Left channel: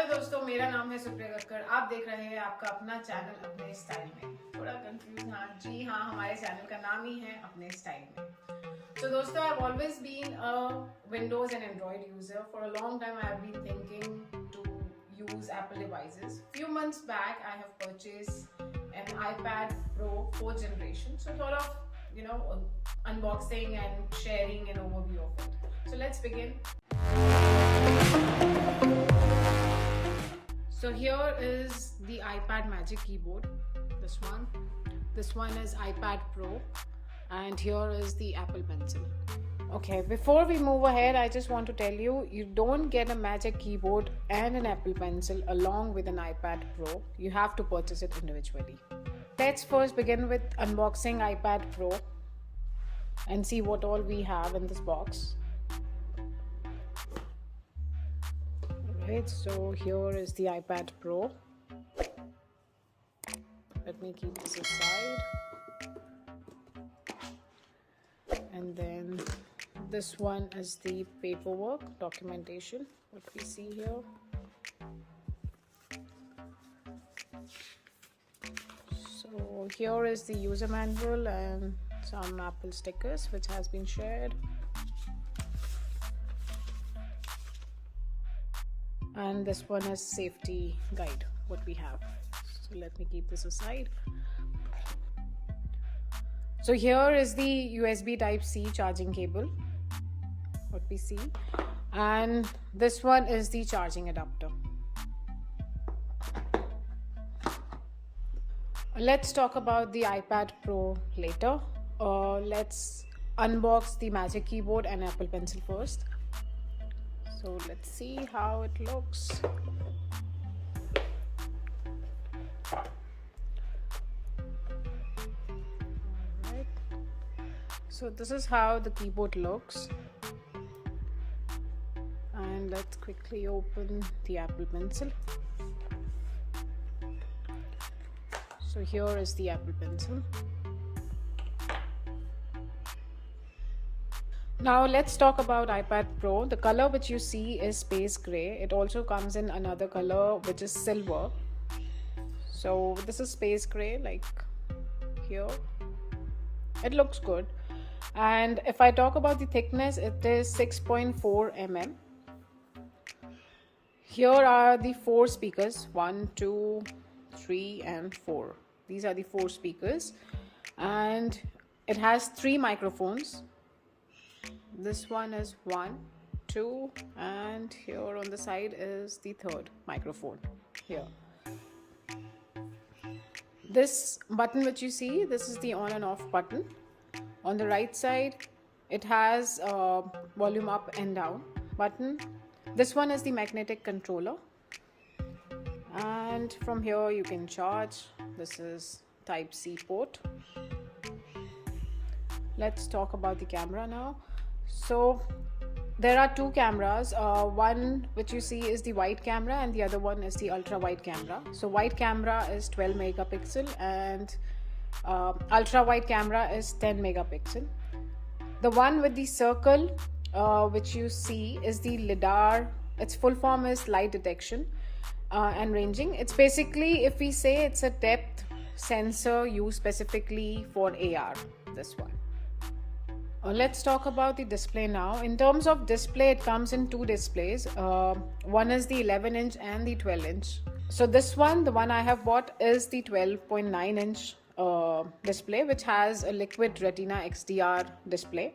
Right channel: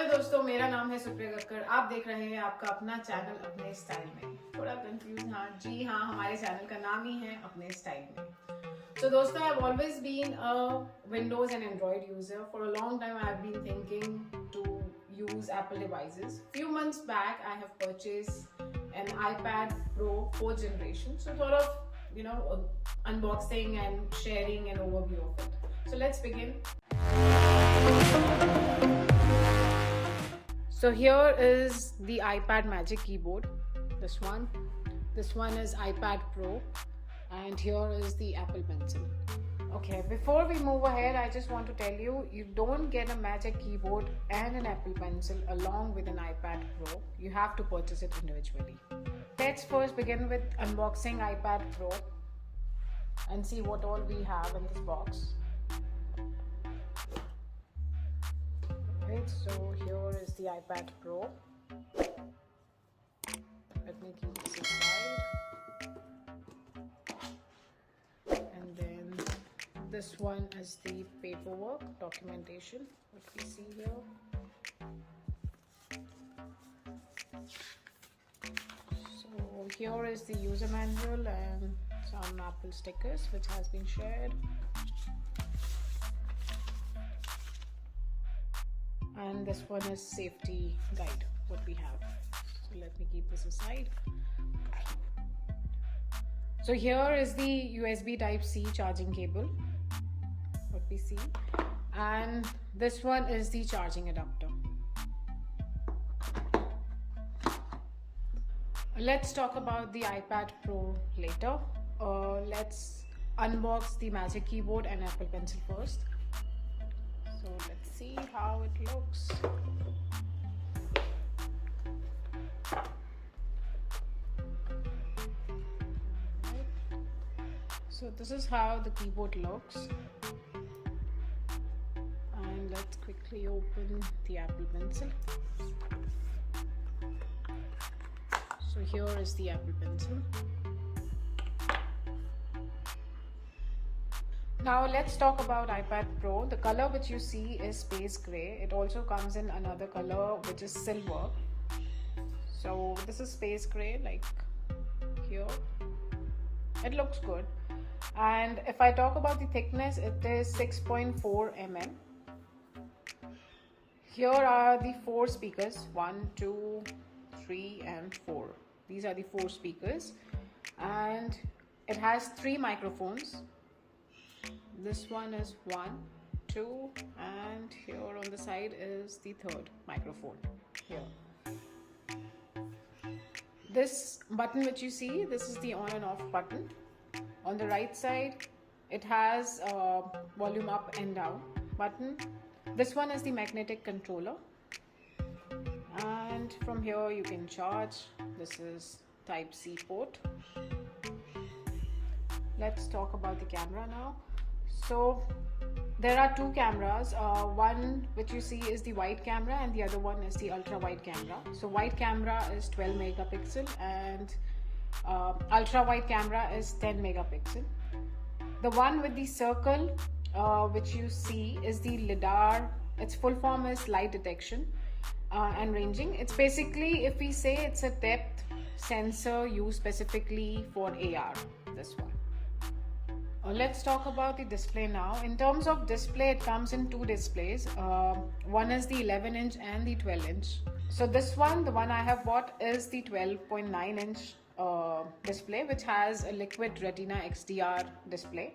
Hello दोस्तों, मेरा नाम है सुप्रिया कक्कर। आप देख रहे हैं आपका अपना चैनल अपने स्टाइल में। थोड़ा कंफ्यूज, हाँ जी हाँ, हमारे चैनल का नाम ही है अपने स्टाइल में। So दोस्तों, I've always been a Windows and Android user. For a long time, I have been thinking to use Apple devices. Few months back, I have purchased an iPadPro 4th generation. So thought of, unboxing and sharing an overview of it. So let's begin. So here is the iPad Magic Keyboard, this one. This one is iPad Pro, and here is the Apple Pencil. Okay, before we move ahead, I just want to tell you, you don't get a Magic Keyboard and an Apple Pencil along with an iPad Pro. You have to purchase it individually. Let's first begin with unboxing iPad Pro and see what all we have in this box. So here is the iPad Pro. Let me keep this aside. And then this one is the paperwork, documentation, what we see here. So here is the user manual and some Apple stickers which has been shared. And this one is safety guide, what we have. So let me keep this aside. So here is the USB Type-C charging cable, what we see. And this one is the charging adapter. Let's talk about the iPad Pro later. Let's unbox the Magic Keyboard and Apple Pencil first. So let's see how it looks. Right. So this is how the keyboard looks. And let's quickly open the Apple Pencil. So here is the Apple Pencil. Now let's talk about iPad Pro. The color which you see is space gray. It also comes in another color which is silver. So this is space gray, like here. It looks good. And if I talk about the thickness, it is 6.4 mm. Here are the 4 speakers, 1, 2, 3 and 4. These are the 4 speakers. And it has 3 microphones. This one is 1, 2, and here on the side is the 3rd microphone here. This button which you see, this is the on and off button. On the right side, it has a volume up and down button. This one is the magnetic controller. And from here you can charge. This is Type-C port. Let's talk about the camera now. So there are 2 cameras. One which you see is the wide camera and the other one is the ultra wide camera. So wide camera is 12 megapixel and ultra wide camera is 10 megapixel. The one with the circle which you see is the LiDAR. Its full form is light detection and ranging. It's basically, if we say, it's a depth sensor used specifically for AR, this one. Let's talk about the display now. In terms of display, it comes in 2 displays. One is the 11-inch and the 12-inch. So this one, the one I have bought, is the 12.9-inch display, which has a liquid retina XDR display.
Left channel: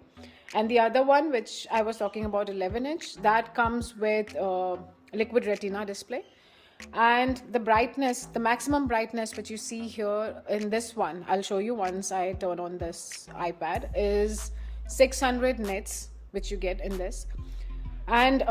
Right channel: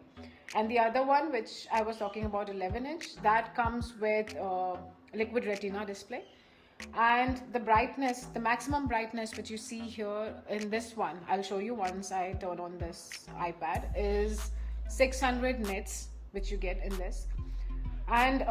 And the other one, which I was talking about, 11-inch, that comes with liquid retina display. And the brightness, the maximum brightness which you see here in this one, I'll show you once I turn on this iPad, is 600 nits, which you get in this. And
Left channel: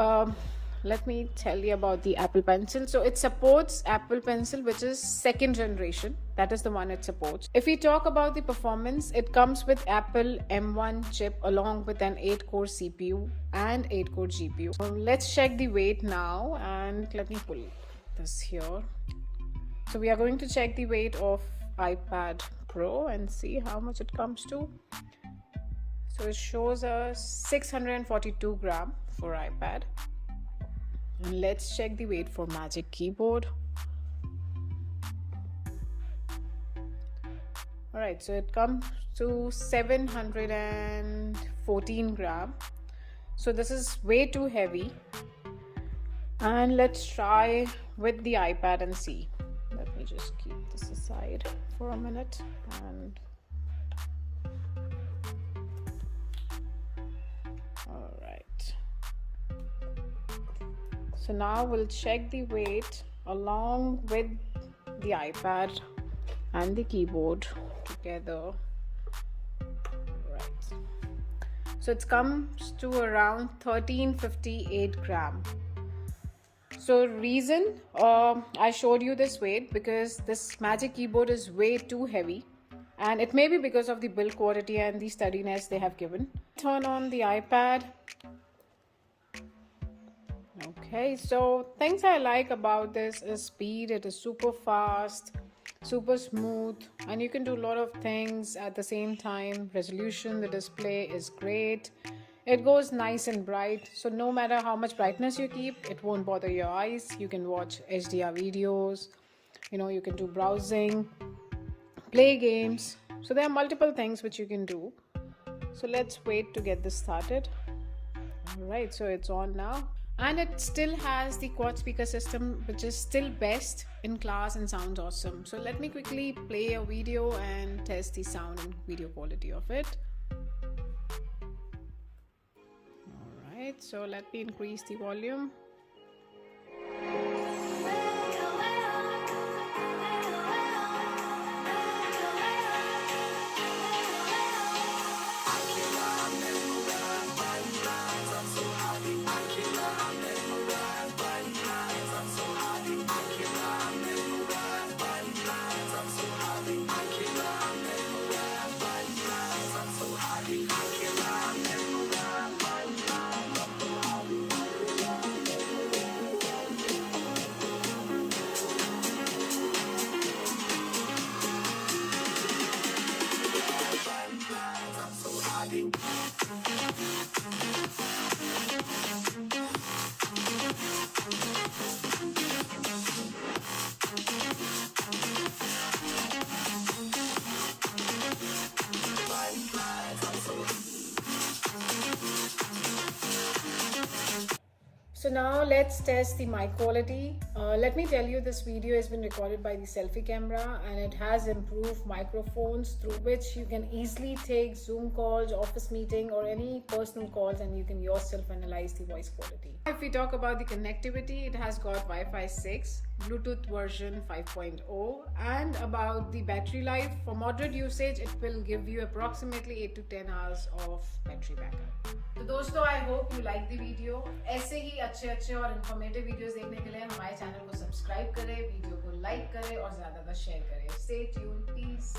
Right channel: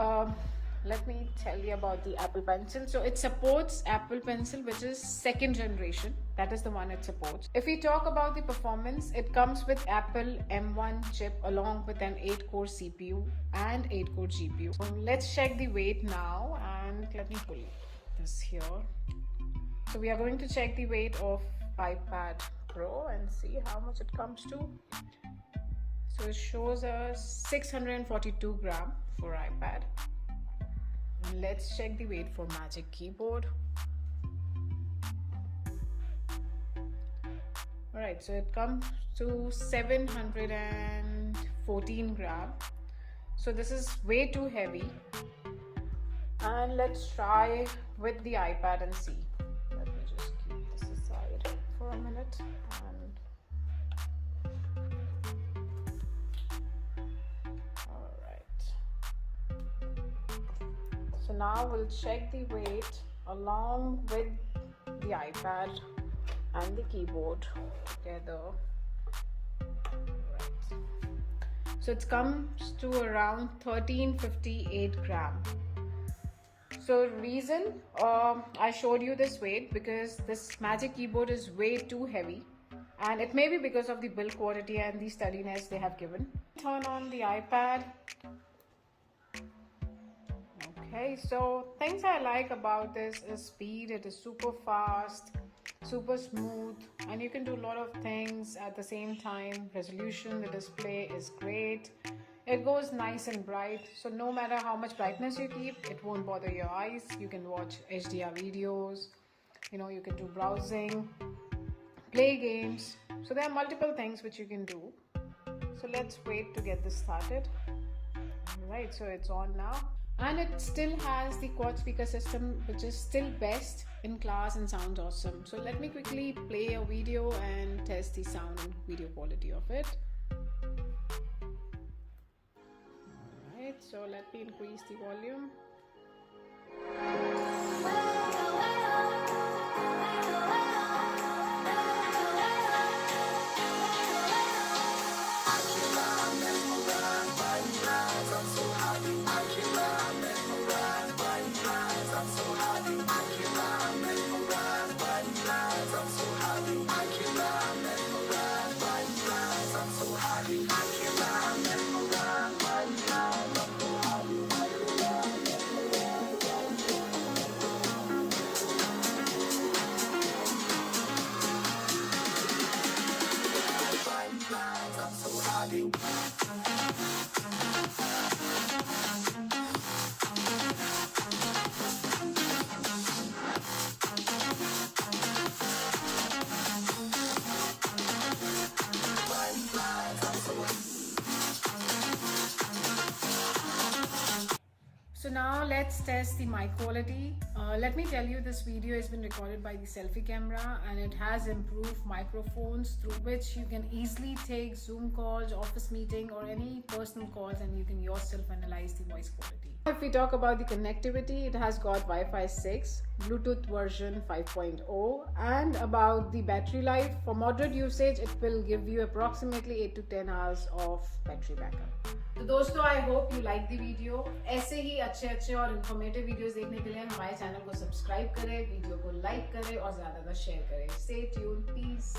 let me tell you about the Apple Pencil. So it supports Apple Pencil, which is 2nd generation. That is the one it supports. If we talk about the performance, it comes with Apple M1 chip along with an 8-core CPU and 8-core GPU. So let's check the weight now, and let me pull this here. So we are going to check the weight of iPad Pro and see how much it comes to. So it shows us 642 gram for iPad, And let's check the weight for Magic Keyboard. Alright, so it comes to 714 gram. So this is way too heavy. And let's try with the iPad and see. Let me just keep this aside for a minute. Alright. So now we'll check the weight along with the iPad and the keyboard together. Right. So it comes to around 1358 gram. So reason I showed you this weight because this Magic Keyboard is way too heavy, and it may be because of the build quality and the steadiness they have given. Turn on the iPad. Okay, so things I like about this is speed. It is super fast, super smooth, and you can do a lot of things at the same time. Resolution, the display is great. It goes nice and bright, so no matter how much brightness you keep, it won't bother your eyes. You can watch HDR videos, you can do browsing, play games. So there are multiple things which you can do. So let's wait to get this started. Alright, so it's on now. And it still has the quad speaker system, which is still best in class and sounds awesome. So let me quickly play a video and test the sound and video quality of it. Alright, so let me increase the volume. So now let's test the mic quality. Let me tell you, this video has been recorded by the selfie camera, and it has improved microphones through which you can easily take Zoom calls, office meeting, or any personal calls, and you can yourself analyze the voice quality. If we talk about the connectivity, it has got Wi-Fi 6, Bluetooth version 5.0, and about the battery life, for moderate usage it will give you approximately 8 to 10 hours of battery backup. तो दोस्तों, I hope you like the video. ऐसे ही अच्छे और informative videos देखने के लिए हमारे channel को सब्सक्राइब करें, वीडियो को लाइक करें और ज़्यादा शेयर करें. Stay tuned. Peace.